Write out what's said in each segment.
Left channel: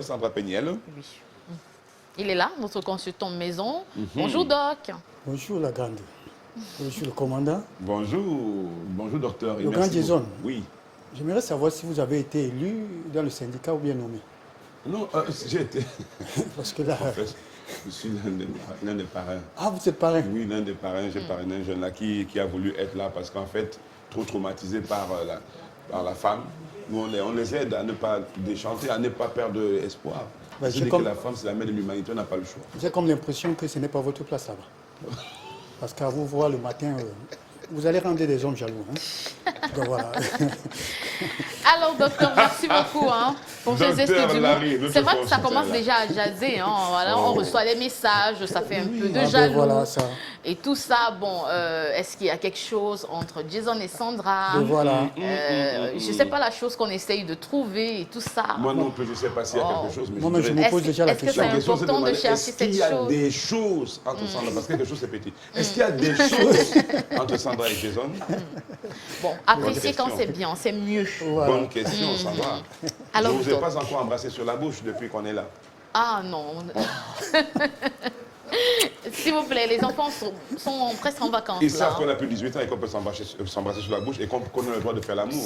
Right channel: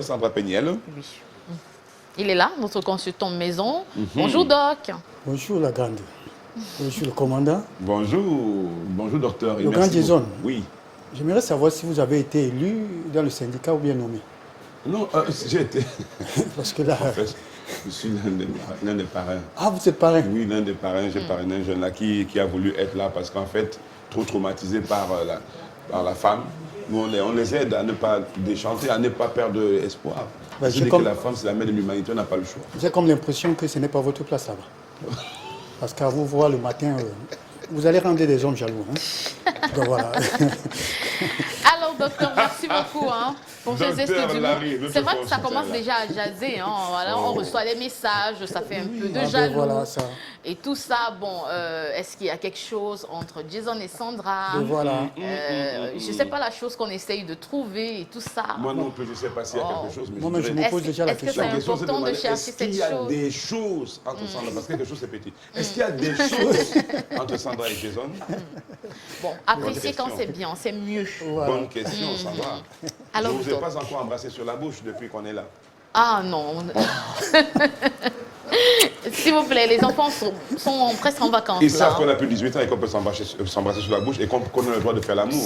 Sandra Peniel. Oui. Il est là, notre consultant de maison. Bonjour, Doc. Bonjour, la grande. Bonjour, le commandant. Bonjour docteur. Le grand Jason. Oui. J'aimerais savoir si vous avez été élu dans le syndicat ou bien nommé. Non, j'ai été. Parce que là. En fait, je suis l'un des parrains. Ah, vous êtes parrain? Oui, l'un des parrains. J'ai parrainé un jeune là qui a voulu être là parce qu'en fait, trop traumatisé par la femme. Nous, on les aide à ne pas déchanter, à ne pas perdre espoir. Ben, Je dis que la femme, c'est la mère de l'humanité, on n'a pas le choix. J'ai comme l'impression que ce n'est pas votre place là-bas. Parce qu'à vous voir le matin, vous allez rendre des hommes jaloux. Hein? Donc voilà. Alors, docteur, merci beaucoup pour ces gestes du mot. C'est vrai que ça commence déjà à jaser. Voilà, on reçoit des messages, ça fait un peu de jaloux. Voilà, ça. Et tout ça, bon, est-ce qu'il y a quelque chose entre Jason et Sandra? Voilà. Je ne sais pas la chose qu'on essaye de trouver et tout ça. Moi non plus, je ne sais pas s'il y a quelque chose. Mais non, mais je me pose déjà la question. Est-ce que c'est important de chercher cette chose? Est-ce qu'il y a des choses entre Sandra, parce que quelque chose c'est petit. Est-ce qu'il y a des choses entre Sandra et Jason? Bon, apprécier quand c'est bien, c'est mieux. Voilà. Bonne question, Sandra. Alors, je ne vous ai pas encore embrassé sur la bouche depuis qu'on est là. Ah non. S'il vous plaît, les enfants sont presque en vacances. Ils savent qu'on a plus de 18 ans et qu'on peut s'embrasser sur la bouche et qu'on a le droit de faire l'amour.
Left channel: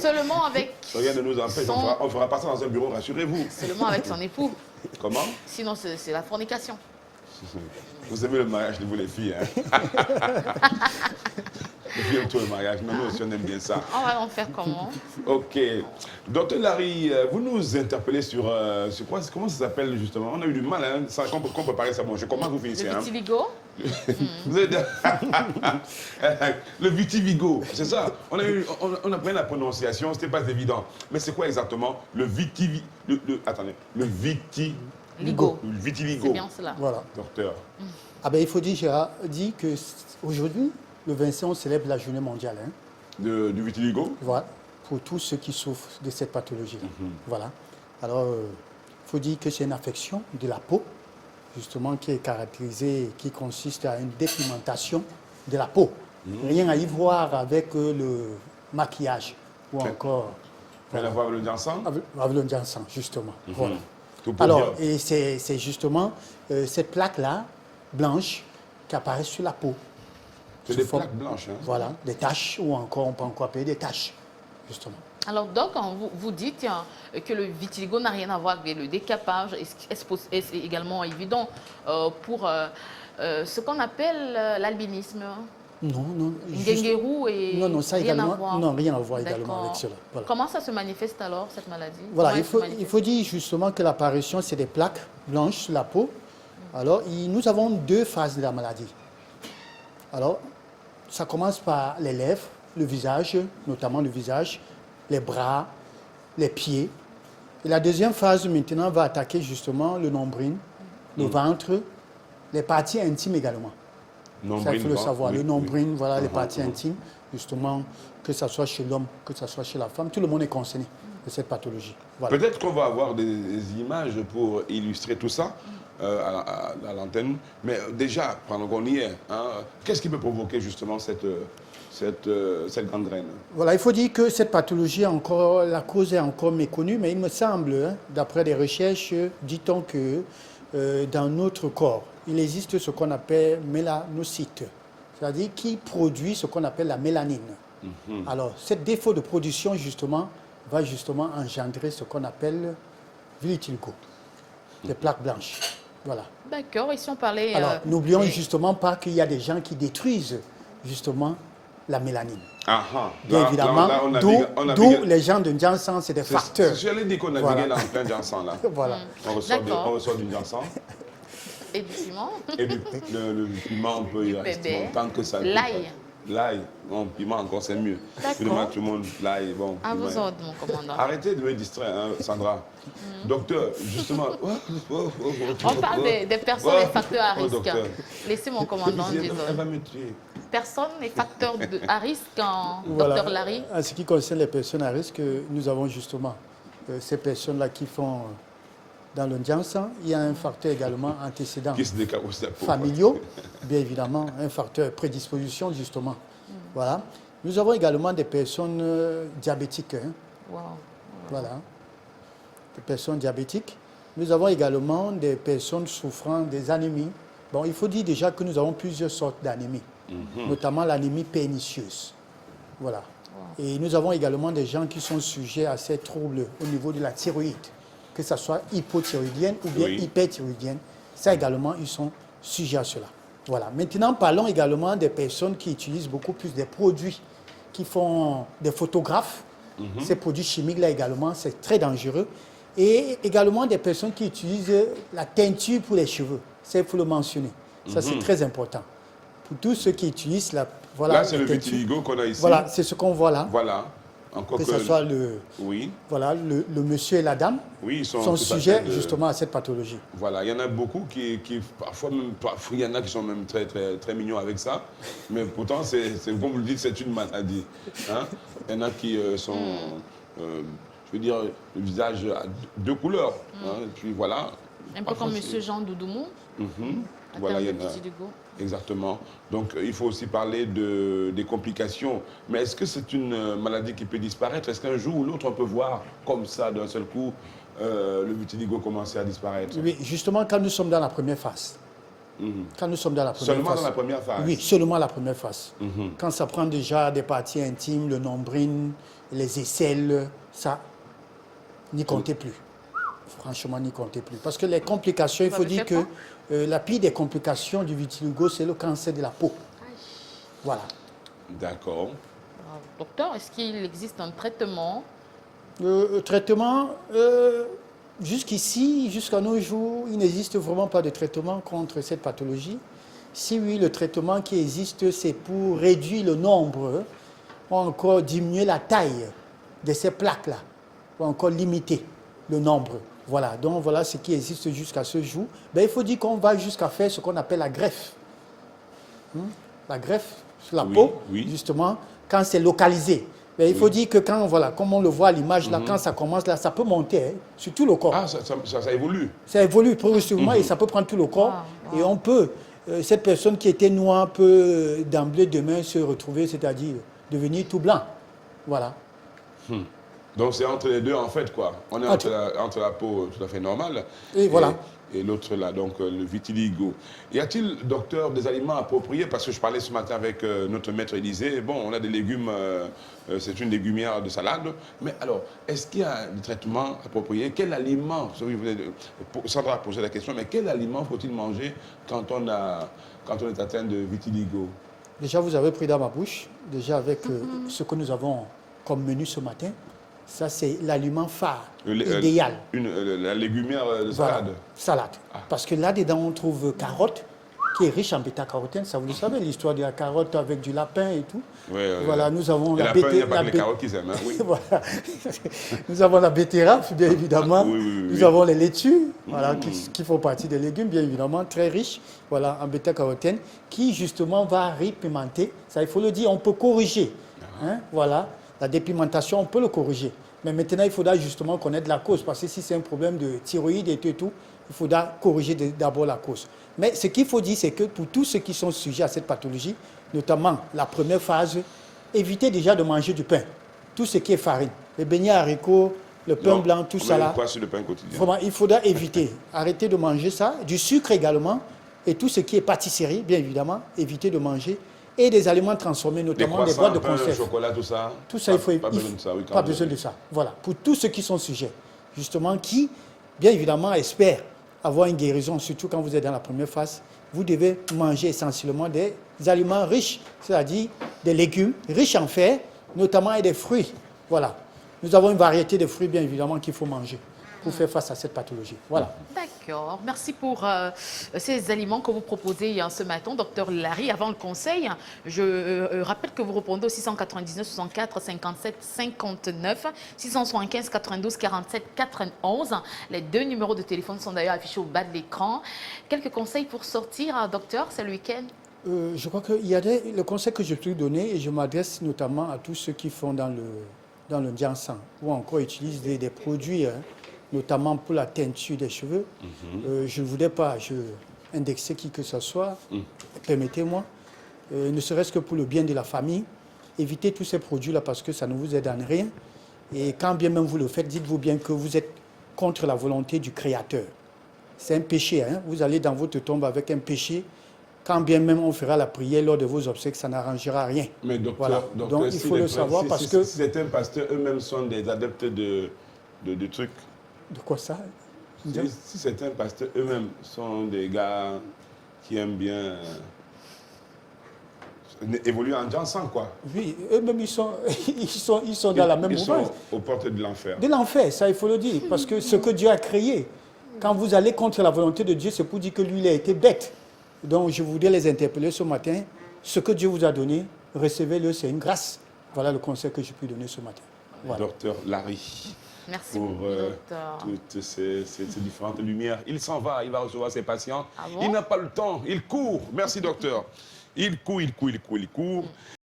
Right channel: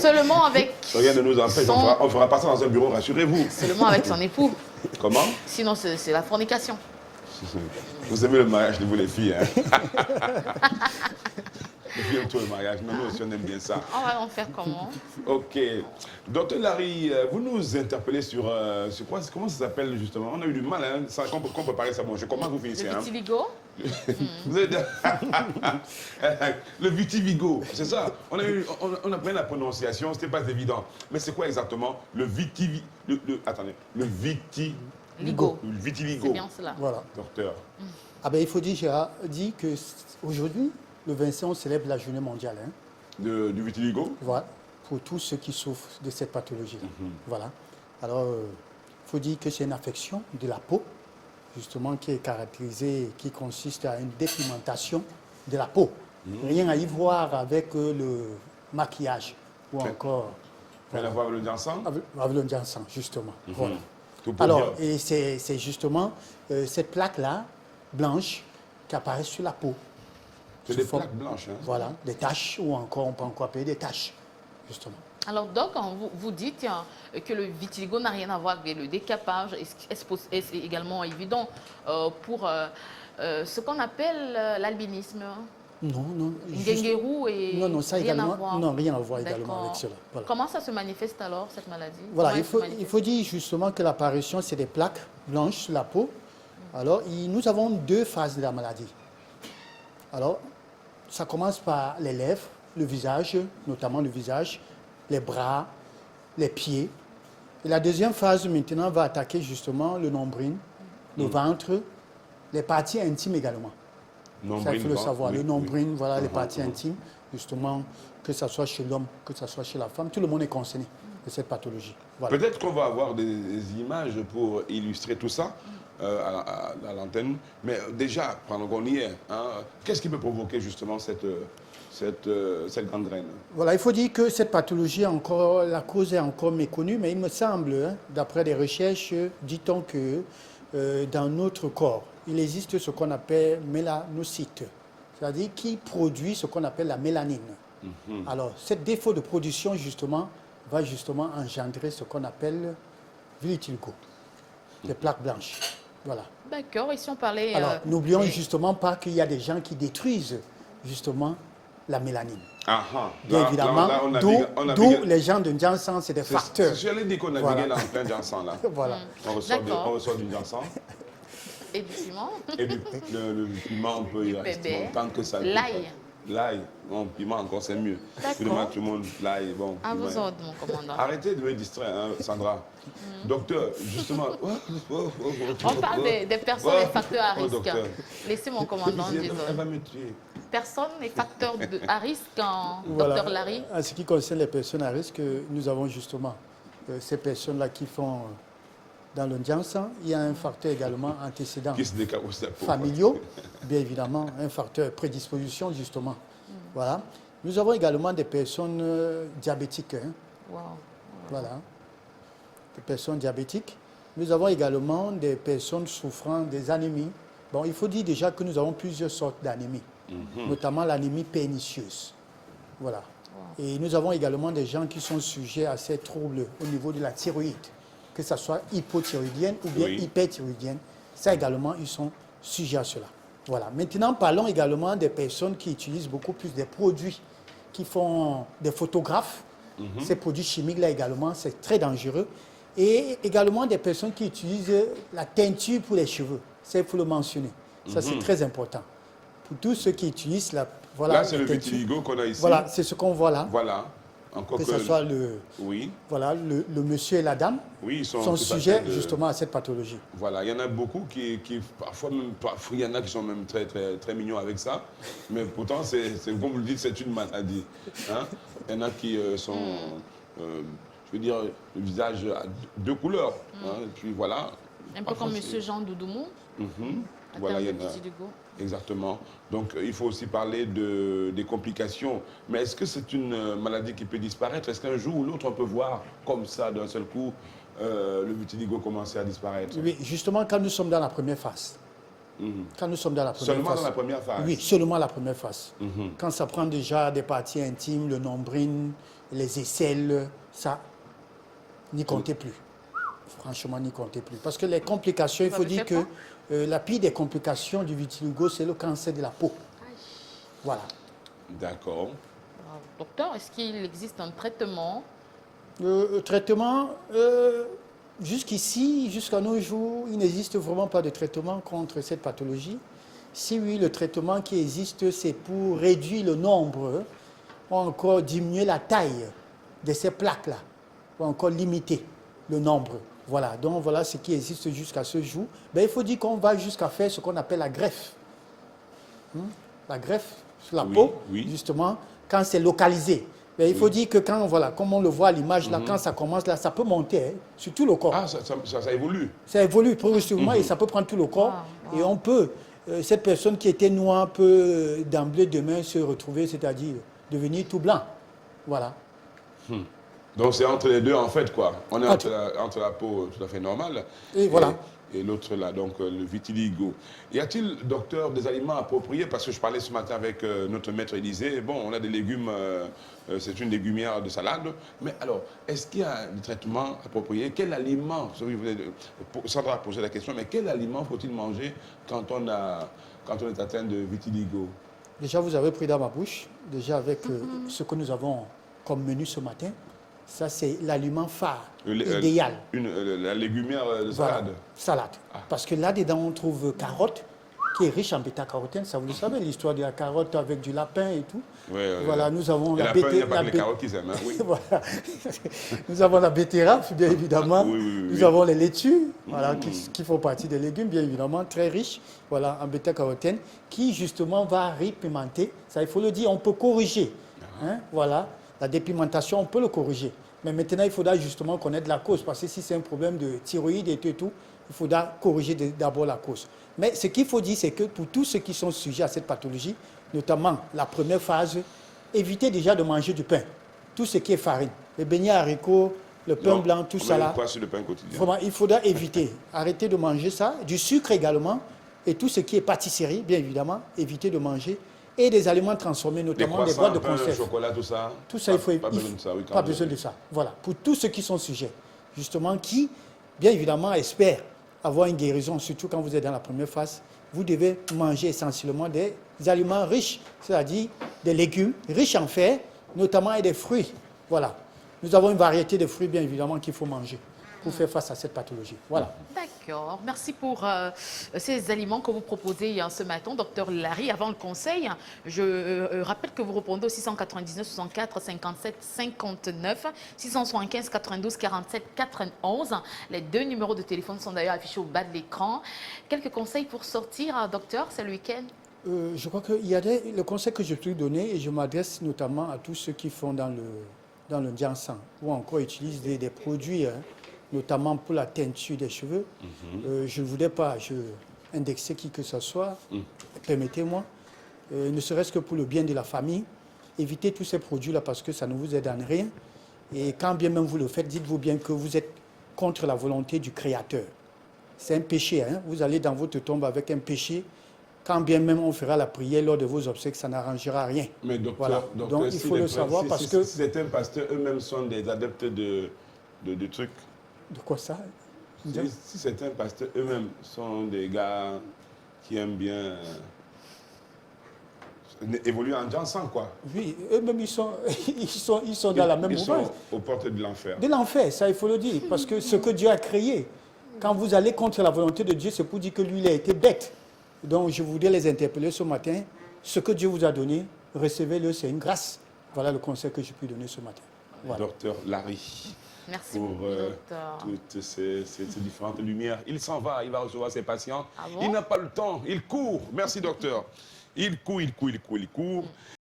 Seulement avec... Rien ne nous empêche, on fera pas ça dans un bureau, rassurez-vous. Seulement avec son époux. Comment? Sinon, c'est la fornication. Vous aimez le mariage de vous les filles, hein? Les filles aiment tout le mariage, mais nous aussi on aime bien ça. On va en faire comment? Ok. Docteur Larry, vous nous interpellez sur quoi? Comment ça s'appelle justement? On a eu du mal, hein, qu'on préparer ça. Bon, je commence, vous finissez. Le vitiligo. Vous avez le vitiligo, c'est ça. On a pris la prononciation, c'était pas évident. Mais c'est quoi exactement le vitiligo? Attendez, le vitiligo. Le vitiligo. C'est bien cela. Voilà. Docteur. Ah ben, il faut dire, Gérard, dit qu'aujourd'hui, le 25, on célèbre la journée mondiale. Hein? Du vitiligo? Voilà, pour tous ceux qui souffrent de cette pathologie. Voilà. Alors, il faut dire que c'est une affection de la peau, justement, qui est caractérisée, qui consiste à une dépigmentation de la peau. Rien à y voir avec le maquillage ou encore... Rien à voir avec le dansant? Avec le dansant, justement. Voilà. Alors, et c'est justement cette plaque-là, blanche, qui apparaît sur la peau. C'est des plaques blanches. Hein? Voilà, des taches, ou encore, on peut encore appeler des taches, justement. Alors, Doc, vous dites que le vitiligo n'a rien à voir avec le décapage. Est-ce également évident pour ce qu'on appelle l'albinisme? Non. Nguenguerou et non, ça rien également, à voir. non, rien à voir également avec cela. Voilà. Comment ça se manifeste alors, cette maladie? Voilà, il faut dire justement que l'apparition, c'est des plaques blanches sur la peau. Alors, nous avons deux phases de la maladie. Alors, ça commence par les lèvres, le visage, notamment le visage, les bras, les pieds. Et la deuxième phase, maintenant, va attaquer justement le nombril, le ventre, les parties intimes également. Ça, il faut le savoir. Le nombril, voilà, les parties intimes, justement, que ce soit chez l'homme, que ce soit chez la femme, tout le monde est concerné de cette pathologie. Voilà. Peut-être qu'on va avoir des images pour illustrer tout ça à l'antenne. Mais déjà, pendant qu'on y est, qu'est-ce qui peut provoquer justement cette gangrène? Voilà, il faut dire que cette pathologie, la cause est encore méconnue, mais il me semble, d'après des recherches, dit-on que dans notre corps, il existe ce qu'on appelle mélanocytes, c'est-à-dire qui produit ce qu'on appelle la mélanine. Alors, ce défaut de production, justement, va justement engendrer ce qu'on appelle vitiligo, des plaques blanches. Voilà. D'accord, et si on parlait... Alors, n'oublions justement pas qu'il y a des gens qui détruisent justement la mélanine. Bien évidemment, d'où les gens de Janssen, c'est des facteurs. J'allais dire qu'on naviguait là en plein Janssen. Là. Voilà. On ressort du Janssen. Et du piment. Et le piment, on peut y rester longtemps que ça. L'ail. L'ail, non, piment encore c'est mieux. Tout le monde, l'ail, bon. À vous autres, mon commandant. Arrêtez de me distraire, Sandra. Docteur, justement. On parle des personnes et facteurs à risque. Laissez mon commandant dire. Elle va me tuer. Personnes et facteurs à risque, voilà. docteur Larry. En ce qui concerne les personnes à risque, nous avons justement ces personnes-là qui font dans le Janssen. Il y a un facteur également antécédent familiaux, bien évidemment, un facteur prédisposition justement. Voilà. Nous avons également des personnes diabétiques. Voilà. des personnes diabétiques. Nous avons également des personnes souffrant des anémies. Bon, il faut dire déjà que nous avons plusieurs sortes d'anémies, notamment l'anémie pernicieuse. Voilà. Et nous avons également des gens qui sont sujets à ces troubles au niveau de la thyroïde, que ce soit hypothyroïdienne ou bien hyperthyroïdienne. Ça également, ils sont sujets à cela. Voilà. Maintenant, parlons également des personnes qui utilisent beaucoup plus des produits, qui font des photographes. Ces produits chimiques-là également, c'est très dangereux. Et également des personnes qui utilisent la teinture pour les cheveux. Ça, il faut le mentionner. Ça, c'est très important. Pour tous ceux qui utilisent la... Voilà, là, c'est le vitiligo qu'on a ici. Voilà, c'est ce qu'on voit là. Voilà. Encore que ce soit le, oui. voilà, le monsieur et la dame oui, ils sont sujets justement à cette pathologie. Voilà, il y en a beaucoup qui parfois, il y en a qui sont même très, très, très mignons avec ça, mais pourtant, comme vous le dites, c'est une maladie. Hein? Il y en a qui sont, je veux dire, le visage à deux couleurs. Hein? Et puis voilà. Un peu comme monsieur Jean Doudoumou. Voilà, il y en a. Exactement. Donc, il faut aussi parler des complications. Mais est-ce que c'est une maladie qui peut disparaître? Est-ce qu'un jour ou l'autre, on peut voir comme ça, d'un seul coup, le vitiligo commencer à disparaître? Oui, justement, quand nous sommes dans la première phase. Quand nous sommes dans la première seulement phase. Dans la première phase? Oui, seulement la première phase. Quand ça prend déjà des parties intimes, le nombril, les aisselles, ça, n'y comptez plus. Franchement, n'y comptez plus. Parce que les complications, il faut dire que la pire des complications du vitiligo, c'est le cancer de la peau. Voilà. D'accord. Docteur, est-ce qu'il existe un traitement? Traitement, jusqu'ici, jusqu'à nos jours, il n'existe vraiment pas de traitement contre cette pathologie. Si oui, le traitement qui existe, c'est pour réduire le nombre, ou encore diminuer la taille de ces plaques-là, ou encore limiter le nombre. Voilà, donc voilà ce qui existe jusqu'à ce jour. Ben, il faut dire qu'on va jusqu'à faire ce qu'on appelle la greffe. La greffe sur la peau, justement, quand c'est localisé. Ben, il faut dire que quand, voilà, comme on le voit à l'image, là, quand ça commence, là, ça peut monter sur tout le corps. Ah, ça évolue. Ça évolue progressivement et ça peut prendre tout le corps. Et on peut, cette personne qui était noire peut d'emblée demain se retrouver, c'est-à-dire devenir tout blanc. Voilà. Donc c'est entre les deux en fait quoi. On est entre la peau tout à fait normale et voilà. Et l'autre là, donc le vitiligo. Y a-t-il, docteur, des aliments appropriés? Parce que je parlais ce matin avec notre maître Élysée. Bon, on a des légumes, c'est une légumière de salade. Mais alors, est-ce qu'il y a des traitements appropriés? Quel aliment, Sandra a posé la question, mais quel aliment faut-il manger quand on est atteint de vitiligo? Déjà, vous avez pris dans ma bouche, déjà avec ce que nous avons comme menu ce matin. Ça, c'est l'aliment phare, idéal. La légumière de salade. Voilà, salade. Parce que là-dedans, on trouve carotte, qui est riche en bêta-carotène. Ça, vous le savez, l'histoire de la carotte avec du lapin et tout. Voilà, nous avons la betterave. Il n'y a pas que les carottes qu'ils aiment. Hein, oui. Voilà. Nous avons la betterave, bien évidemment. Nous avons les laitues, voilà, qui font partie des légumes, bien évidemment, très riches, voilà, en bêta-carotène, qui justement va répimenter. Ça, il faut le dire, on peut corriger. Hein, voilà. La dépimentation, on peut le corriger. Mais maintenant, il faudra justement connaître la cause. Parce que si c'est un problème de thyroïde et tout, il faudra corriger d'abord la cause. Mais ce qu'il faut dire, c'est que pour tous ceux qui sont sujets à cette pathologie, notamment la première phase, évitez déjà de manger du pain. Tout ce qui est farine. Les beignets haricots, le pain blanc, tout ça là. Pas sur le pain quotidien. Vraiment, il faudra éviter. Arrêtez de manger ça. Du sucre également. Et tout ce qui est pâtisserie, bien évidemment, évitez de manger. Et des aliments transformés, notamment des boîtes de conserve. Le chocolat, tout ça. Tout ça, il faut pas besoin de ça. Oui, pas besoin de ça. Voilà. Pour tous ceux qui sont sujets, justement, qui, bien évidemment, espèrent avoir une guérison, surtout quand vous êtes dans la première phase, vous devez manger essentiellement des aliments riches, c'est-à-dire des légumes riches en fer, notamment et des fruits. Voilà. Nous avons une variété de fruits, bien évidemment, qu'il faut manger pour faire face à cette pathologie. Voilà. D'accord. Merci pour ces aliments que vous proposez ce matin, docteur Larry. Avant le conseil, je rappelle que vous répondez au 699 64 57 59, 675 92 47 91. Les deux numéros de téléphone sont d'ailleurs affichés au bas de l'écran. Quelques conseils pour sortir, docteur, c'est le week-end? Je crois qu'il y a le conseil que je peux donner, et je m'adresse notamment à tous ceux qui font dans le Diansan, ou encore utilisent des produits, notamment pour la teinture des cheveux. Je ne voudrais pas indexer qui que ce soit, permettez-moi, ne serait-ce que pour le bien de la famille, évitez tous ces produits-là parce que ça ne vous aide en rien. Et quand bien même vous le faites, dites-vous bien que vous êtes contre la volonté du Créateur. C'est un péché. Hein? Vous allez dans votre tombe avec un péché. Quand bien même on fera la prière lors de vos obsèques, ça n'arrangera rien. Mais docteur, Voilà. docteur, Donc il si faut les le savoir si- parce si- que... si certains pasteurs eux-mêmes sont des adeptes de trucs, De quoi ça? si certains pasteurs eux-mêmes sont des gars qui aiment bien évoluer en dansant, quoi. Oui, eux-mêmes, ils sont dans la même Ils mouvance. sont aux portes de l'enfer. De l'enfer, ça il faut le dire. Parce que ce que Dieu a créé, quand vous allez contre la volonté de Dieu, c'est pour dire que lui, il a été bête. Donc je voudrais les interpeller ce matin. Ce que Dieu vous a donné, recevez-le, c'est une grâce. Voilà le conseil que je peux donner ce matin. Voilà. Docteur Larry, Merci pour beaucoup, docteur. toutes ces différentes lumières. Il s'en va, il va recevoir ses patients. Ah bon? Il n'a pas le temps, il court. Merci, docteur. Il court.